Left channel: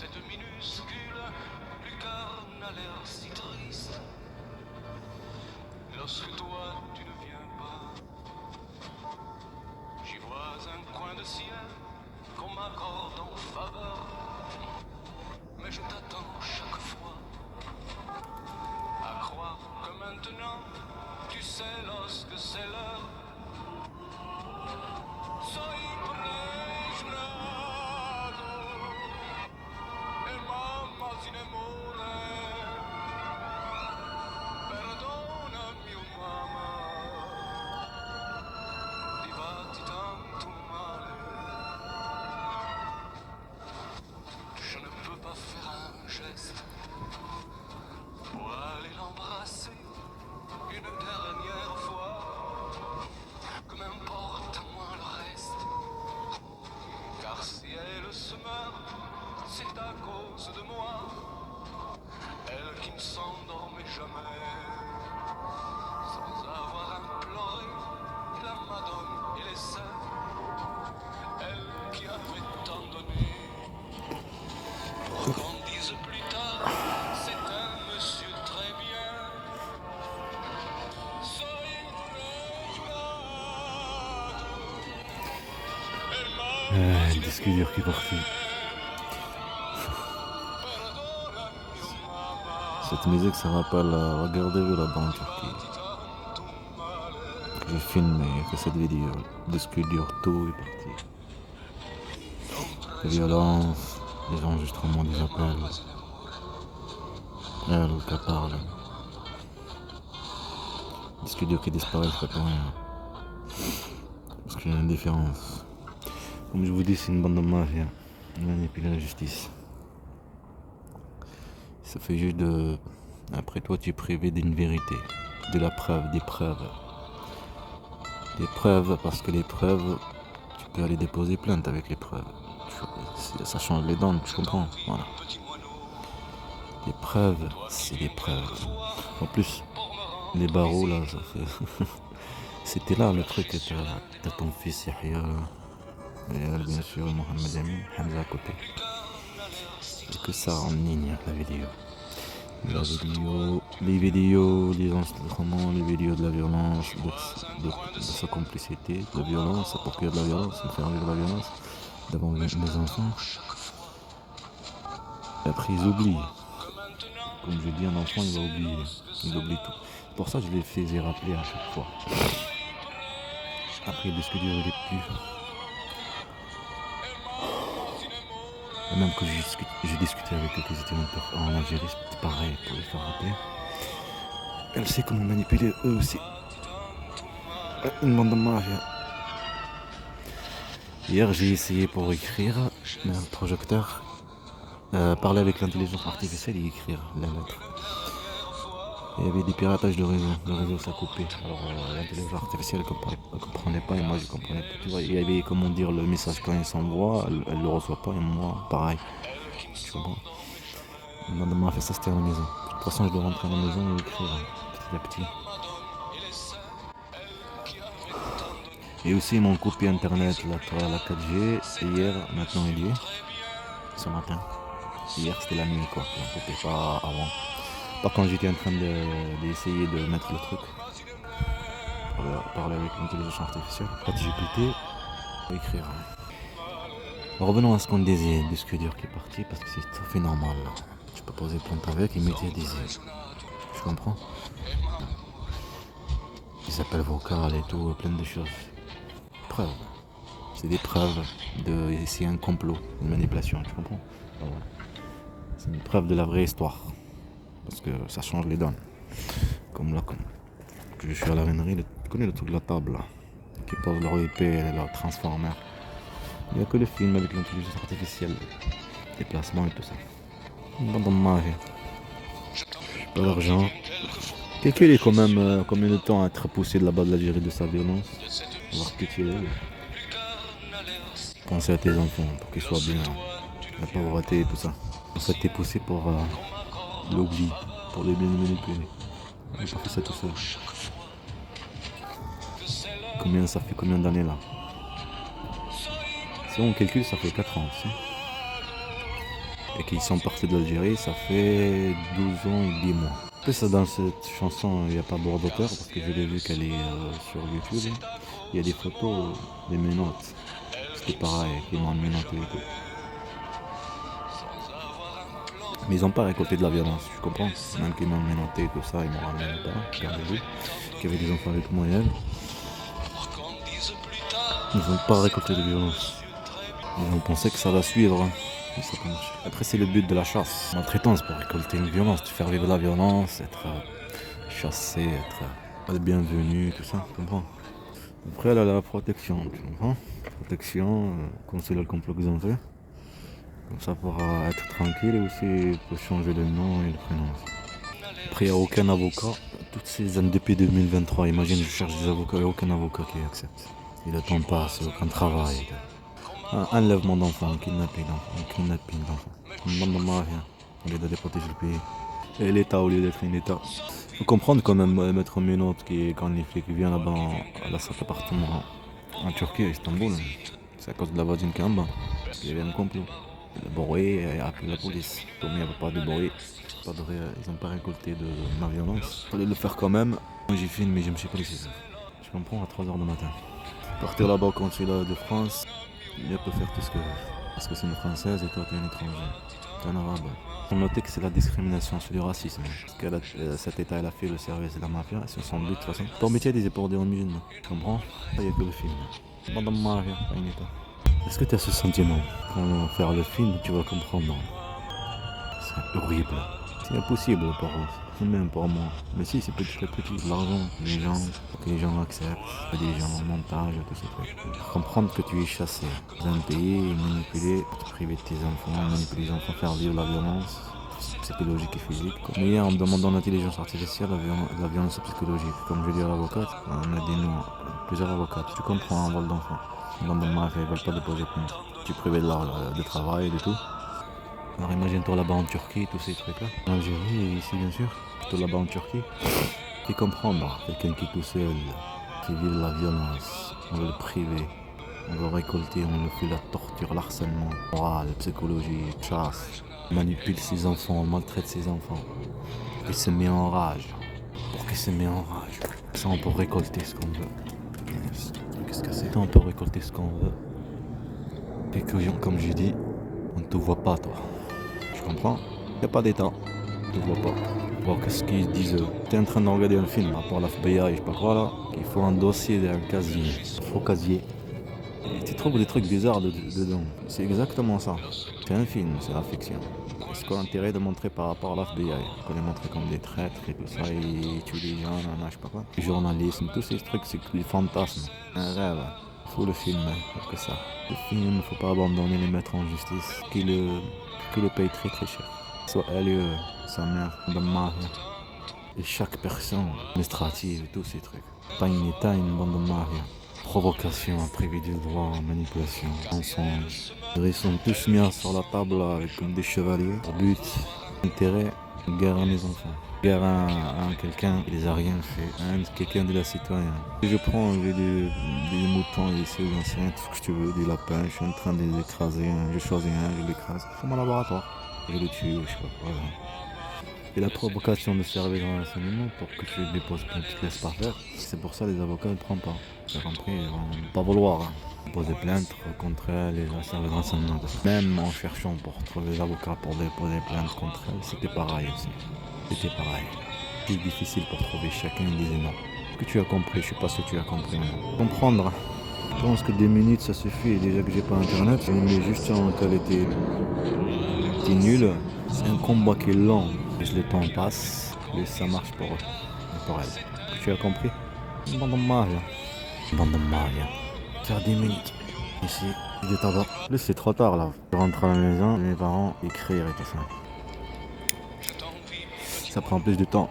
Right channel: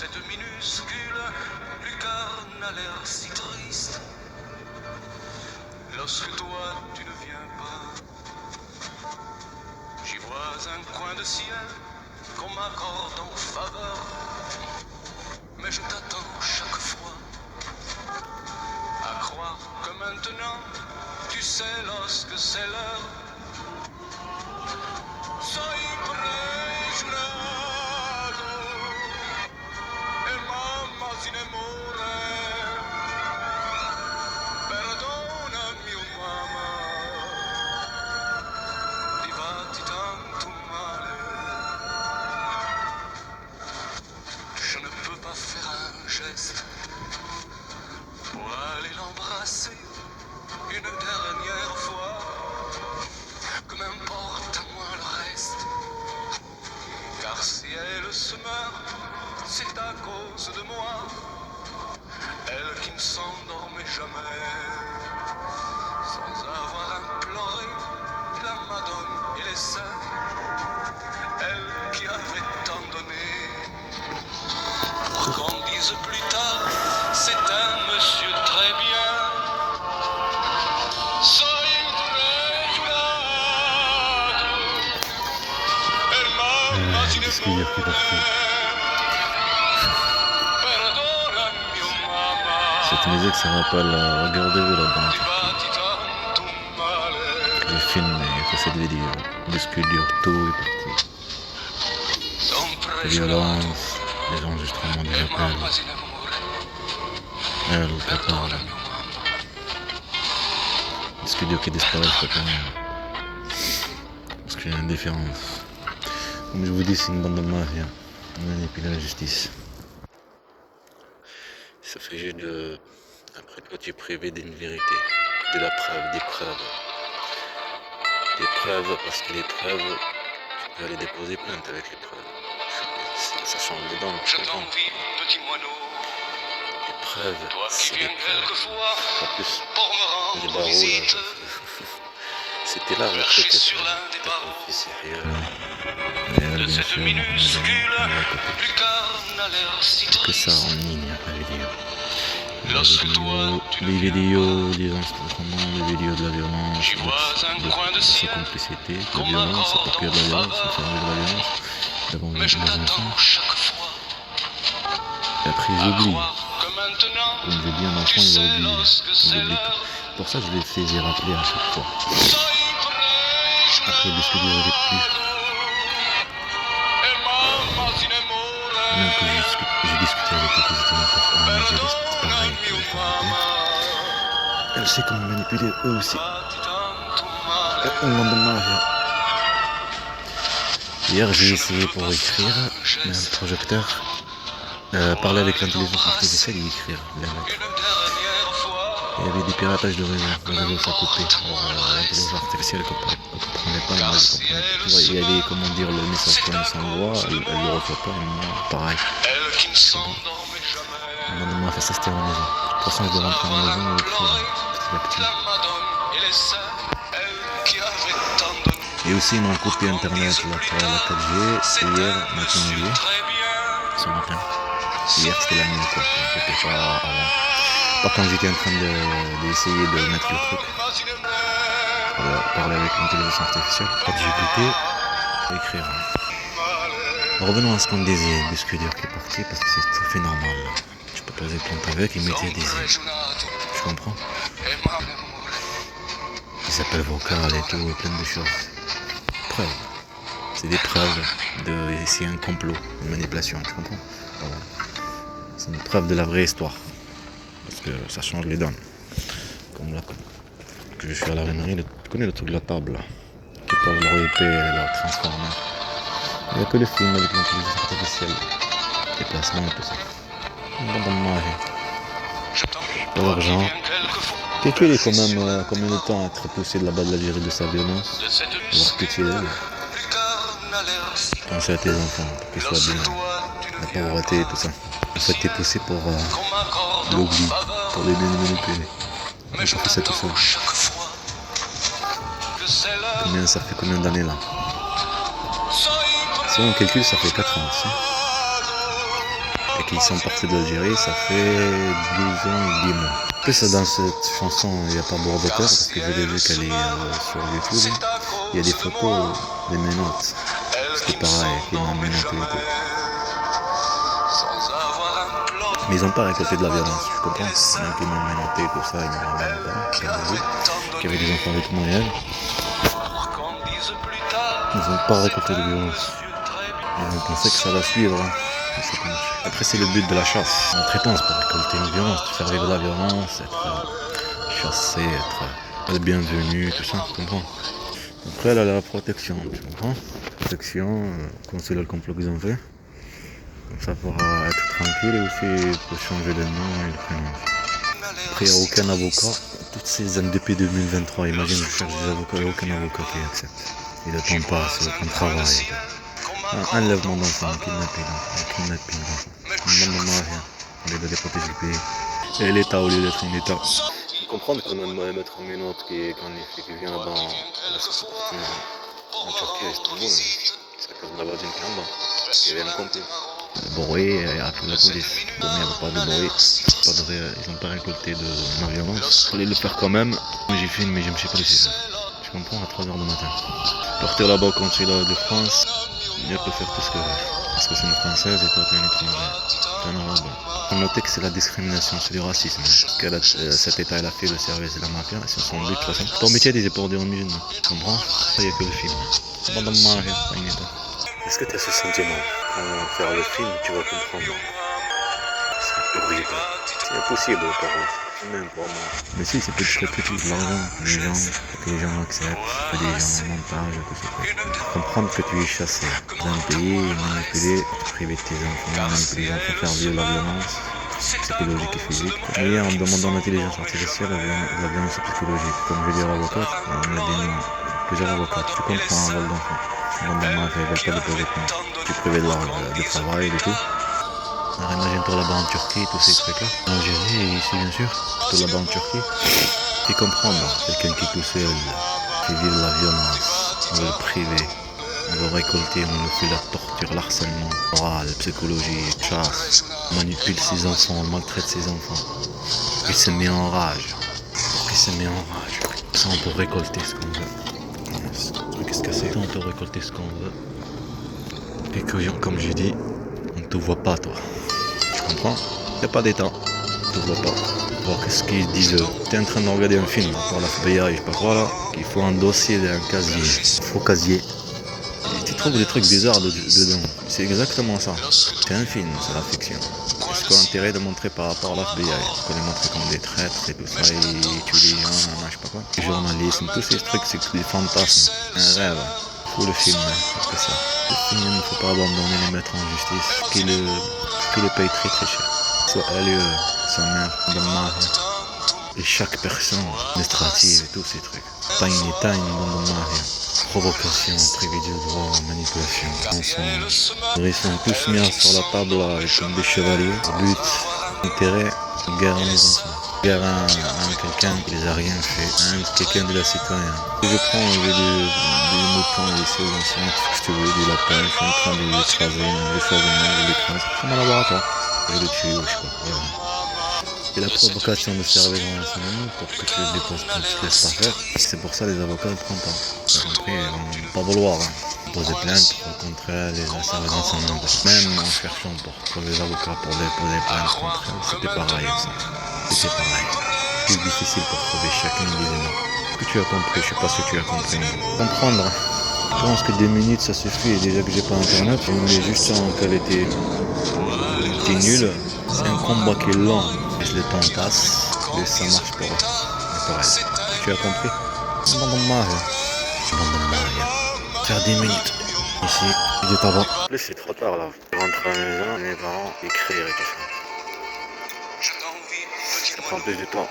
cette minuscule lucarne n'a l'air si triste. Lorsque toi tu ne viens pas, j'y vois un coin de ciel qu'on m'accorde en faveur. Mais je t'attends chaque fois, à croire que maintenant tu sais lorsque c'est l'heure. Soy pregiurato e mamma si ne muore. Perdonami mamma, ti fatti tanto male. Je ne peux pas faire un geste pour aller l'embrasser une dernière fois. Que m'importe à moi le reste, car si elle se meurt, c'est à cause de moi. Elle qui ne s'endormait jamais, sans avoir imploré la Madone et les saints. Elle qui avait tant donné, pour qu'on dise plus tard, c'est un monsieur très bien. Disque dur qui est parti. Cette musique, ça rappelle, regardez-vous là-bas en Turquie. J'ai filmé, j'ai fait cette vidéo. Disque dur, tout est parti. Les violences, les enregistrements des appels. Elle qui parle. Disque dur qui disparaît, je sais pas rien. Parce qu'il y a une différence. Comme je vous dis, c'est une bande de mafia. On manipule la justice. Ça fait juste de... Après toi, tu es privé d'une vérité, de la preuve, des preuves. Des preuves, parce que les preuves, tu peux aller déposer plainte avec les preuves. Ça change les dents, tu comprends? Voilà. Les preuves, c'est des preuves. En plus, les barreaux, là, c'était là le truc. T'as ton fils, Yahya. Et elle, bien sûr, Mohamed Ali, on va à côté. C'est que ça en ligne, la vidéo. Les vidéos, les enregistrements, les vidéos de la violence, de sa complicité, de la violence, pour qu'il y ait de la violence, de faire de la violence, devant les enfants. Et après, ils oublient. Comme je dis, un enfant, il va oublier. Il oublie tout. Pour ça, je les faisais rappeler à chaque fois. Après, le studio n'avait plus. Même que j'ai discuté avec eux que j'étais n'importe en Algérie, c'est pareil que les faire. Elle sait comment manipuler eux aussi. Une bande de mafia. Hier j'ai essayé pour écrire, mais un projecteur, parler avec l'intelligence artificielle et écrire la lettre. Il y avait des piratages de réseau, le réseau s'est coupé. L'intelligence artificielle ne comprenait pas et moi je comprenais pas. Il y avait, comment dire, le message qu'on s'envoie, elle ne le reçoit pas et moi pareil. C'est bon. On m'a fait ça, c'était à la maison. De toute façon je dois rentrer à la maison et écrire petit à petit. Et aussi ils m'ont coupé internet, la 4G, hier, maintenant hier, ce matin. Hier c'était la nuit quoi, c'était pas avant. Pas quand j'étais en train d'essayer de mettre le truc, parler avec l'intelligence artificielle, pas de GPT, écrire. Revenons à ce qu'on disait, disque dur qui est parti, parce que c'est tout à fait normal. Tu peux poser plainte avec et mettre des ailes. Tu comprends? Ils appellent vocal et tout, plein de choses. Preuves. C'est des preuves de... C'est un complot, une manipulation, tu comprends? Voilà. C'est une preuve de la vraie histoire. Parce que ça change les donnes. Comme là, que je suis à la vénerie, tu connais le truc de la table là, qui peuvent leur épée et leur transformer. Il n'y a que les films avec l'intelligence artificielle, les placements et tout ça. Bon, dommage. Pas l'argent. Quelqu'un est quand même combien de temps à être poussé de là-bas de l'Algérie de sa violence, voir que tu es là. Pensez à tes enfants pour qu'ils soient bien, la pauvreté et tout ça. En fait, t'es poussé pour l'oubli, pour les manipuler. On n'a pas fait ça tout seul. Ça fait combien d'années là? Si on calcule, ça fait 4 ans. Si. et qu'ils sont partis d'Algérie, ça fait 12 ans et 10 mois. En plus, dans cette chanson, il n'y a pas Bordeaux Cœur, parce que je l'ai vu qu'elle est sur YouTube. Il y a des photos des menottes. C'était pareil, qui m'ont menotté et tout. Mais ils n'ont pas récolté de la violence, je comprends. Même qu'ils m'ont menotté et tout ça, ils n'ont rien pas, qu'il y avait des enfants avec moi et elle. Ils n'ont pas récolté de violence. Ils ont pensé que ça va suivre. Après, c'est le but de la chasse. La traitance pour récolter une violence, faire vivre la violence, être chassé, être le bienvenu, tout ça, tu comprends. Après, elle a la protection, tu comprends. Protection, conseiller le complot qu'ils ont fait. Comme ça pourra être tranquille et aussi peut changer le nom et le prénom. Après, il n'y a aucun avocat. Toutes ces années depuis 2023, imagine, je cherche des avocats, il n'y a aucun avocat qui accepte. Et le temps passe, aucun travail. Un enlèvement d'enfants, un kidnapping d'enfants. Maman, rien. On est de protéger le pays. Et l'État, au lieu d'être un État. Il faut comprendre qu'on a mettre un ménote qui vient là-bas à la sorte appartement en Turquie, à Istanbul. C'est à cause de la voisine qui est en bas. Il y avait un complot. Le bruit a appelé la police. Comme il n'y avait pas de bruit, ils n'ont pas récolté de ma violence. Il fallait le faire quand même. Moi j'ai filmé, mais je ne me suis pas laissé faire. Tu comprends, à 3h du matin. Partir là-bas au consulat de France, il peut faire tout ce que veut. Parce que c'est une Française et toi tu es un étranger. Tu es un arabe. Faut noter que c'est la discrimination, c'est du racisme. Cet État, il a fait le service de la mafia, c'est son but de toute façon. Ton métier, c'est pour dire aux musulmans. Tu comprends? Il n'y a que le film. Pas de mafia, pas une État. Est-ce que tu as ce sentiment? Quand on va faire le film, tu vas comprendre. C'est horrible. C'est impossible pour eux, même pour moi. Mais si, c'est petit à petit, l'argent, que les gens acceptent, que les gens montage, tout ça. Comprendre que tu es chassé d'un pays, manipulé, privé de tes enfants, manipuler les enfants, faire vivre la violence psychologique et physique. Mais hier, en demandant l'intelligence artificielle, la violence psychologique. Comme je dis à l'avocate, on a des noms, plusieurs avocats. Tu comprends un vol d'enfant. Dans mon mari, ils ne veulent pas déposer de plainte. Tu es privé de travail et tout. Alors imagine-toi là-bas en Turquie, tous ces trucs-là. En Algérie et ici bien sûr. Tout là-bas en Turquie. Tu comprends, quelqu'un qui tout seul fait vivre la violence. On veut le priver. On veut récolter, on le fait la torture, l'harcèlement moral, psychologique, chasse. On manipule ses enfants, on maltraite ses enfants. Il se met en rage. Ça on peut récolter ce qu'on veut. Qu'est-ce que c'est? On peut récolter ce qu'on veut. Et que, comme j'ai dit, on ne te voit pas toi. Tu comprends? Il n'y a pas d'état. On ne te voit pas. Voir qu'est-ce qu'ils disent. Tu es en train de regarder un film pour la FBI, je sais pas quoi là. Il faut un dossier d'un casier. Faux casier. Et tu trouves des trucs bizarres dedans. C'est exactement ça. C'est un film, c'est la fiction. Est-ce qu'on a intérêt de montrer par rapport à la FBI? Qu'on les montre comme des traîtres et tout ça, et tuer les gens, je sais pas quoi. Le journalisme, tous ces trucs, c'est des fantasmes. Un rêve. Il faut le filmer, c'est que ça. Le film, il ne faut pas abandonner, les mettre en justice. Qui le paye très très cher. Soit elle et sa mère, de mari. Et chaque personne, administrative et tous ces trucs. Pas une état, une bande de mari. Provocation, privé de droit, manipulation, mensonge. Ils sont tous mis sur la table là, comme des chevaliers. But, intérêt, guerre à mes enfants. Guerre à quelqu'un qui les a rien fait, quelqu'un de la citoyen. Je prends des moutons ici aux anciens, tout ce que tu veux, du lapin, je suis en train de l'écraser, je l'écrase. C'est mon laboratoire. Je le tue, je sais pas. Voilà. C'est la provocation de servir dans l'enseignement pour que tu le déposes pas, tu te laisses pas faire. C'est pour ça les avocats ne prennent pas. T'as compris, ils vont pas vouloir poser plainte contre les services d'enseignement. Même en cherchant pour les avocats pour déposer plainte contre elles, c'était pareil aussi. C'était pareil. C'est difficile pour trouver chacun disait non. Ce que tu as compris, je sais pas si tu as compris. Comprendre. Je pense que 2 minutes ça suffit. Déjà que j'ai pas internet, on met juste en qualité nulle. C'est un combat qui est lent. Le temps passe et ça marche pour eux. Et pour elle. Tu as compris? Bande de Maria. Faire 10 minutes. Ici, je t'envoie. Là c'est trop tard là. Je rentre à la maison, mes parents écrire et tout ça. Ça prend plus de temps.